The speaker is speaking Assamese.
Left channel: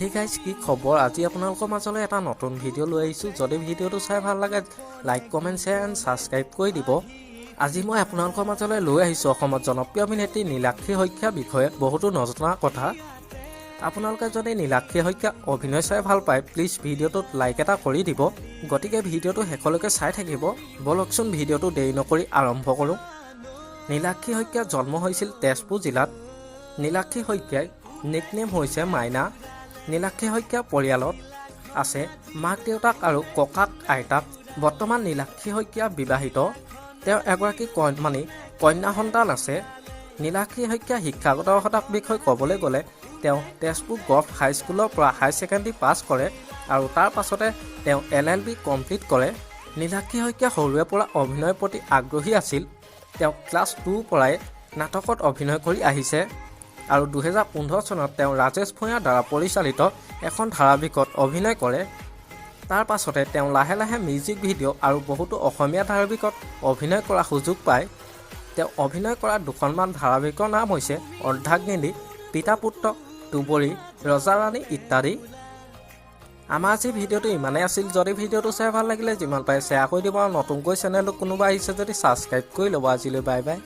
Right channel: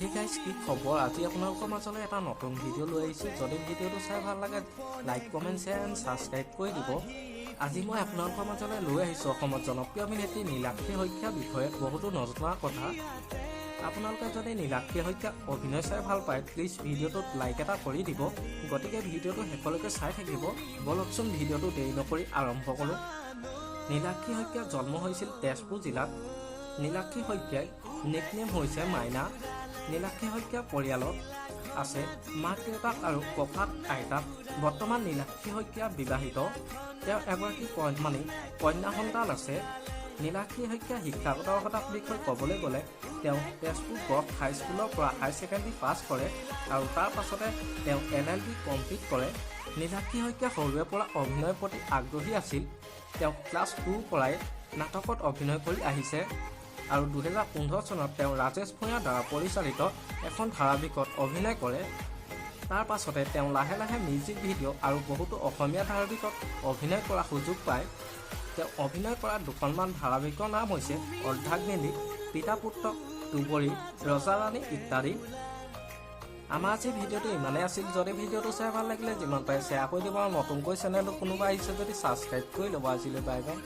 Hey guys, কি খবৰ? আজি আপোনালোকৰ মাজলৈ এটা নতুন ভিডিঅ' লৈ আহিছোঁ। যদি ভিডিঅ'টো চাই ভাল লাগে like, comment, share and subscribe কৰি দিব। আজি মই আপোনালোকৰ মাজলৈ লৈ আহিছোঁ অসমত জনপ্ৰিয় অভিনেত্ৰী নীলাক্ষী শইকীয়াৰ বিষয়ে বহুতো নজনা কথা। আপোনালোকে যদি নীলাক্ষী শইকীয়াৰ অভিনয় চাই ভাল পায় প্লিজ ভিডিঅ'টোত লাইক এটা কৰি দিব। গতিকে ভিডিঅ'টো শেষলৈকে চাই থাকিব। বলকচোন ভিডিঅ'টো দেৰি নকৰি আৰম্ভ কৰোঁ। নীলাক্ষী শইকীয়াৰ জন্ম হৈছিল তেজপুৰ জিলাত। নীলাক্ষী শইকীয়াৰ নিকনেম হৈছে মাইনা। নীলাক্ষী শইকীয়াৰ পৰিয়ালত আছে মাক দেউতাক আৰু ককাক আইতাক। বৰ্তমান নীলাক্ষী শইকীয়া বিবাহিত। তেওঁ এগৰাকী কন্যা সন্তান আছে। নীলাক্ষী শইকীয়া শিক্ষাগত অৰ্হতাৰ বিষয়ে ক'বলৈ গ'লে তেওঁ তেজপুৰ গভ হাইস্কুলৰ পৰা হায়াৰ ছেকেণ্ডেৰী পাছ কৰে আৰু তাৰ পাছতে তেওঁ LLB কমপ্লিট কৰে। নীলাক্ষী শইকীয়া সৰুৰে পৰা অভিনয়ৰ প্ৰতি আগ্ৰহী আছিল। তেওঁ ক্লাছ 2ৰ পৰাই নাটকত অভিনয় কৰি আহিছে আৰু 2015 চনত তেওঁ ৰাজেশ ভূঞাৰ দ্বাৰা পৰিচালিত এখন ধাৰাবাহিকত অভিনয় কৰে। তাৰ পাছতে তেওঁ লাহে লাহে মিউজিক ভিডিঅ' আৰু বহুতো অসমীয়া ধাৰাবাহিকত অভিনয় কৰাৰ সুযোগ পায়। তেওঁ অভিনয় কৰা দুখনমান ধাৰাবাহিকৰ নাম হৈছে অৰ্ধাংগিনী, পিতা পুত্ৰ, দুবৰি, ৰজা ৰাণী ইত্যাদি। আমাৰ আজি ভিডিঅ'টো ইমানেই আছিল। যদি ভিডিঅ'টো চাই ভাল লাগিলে যিমান পাৰে শ্বেয়াৰ কৰি দিব আৰু নতুনকৈ চেনেলটো কোনোবা আহিছে যদি ছাবস্ক্ৰাইব কৰি ল'ব। আজিলৈ বাই বাই।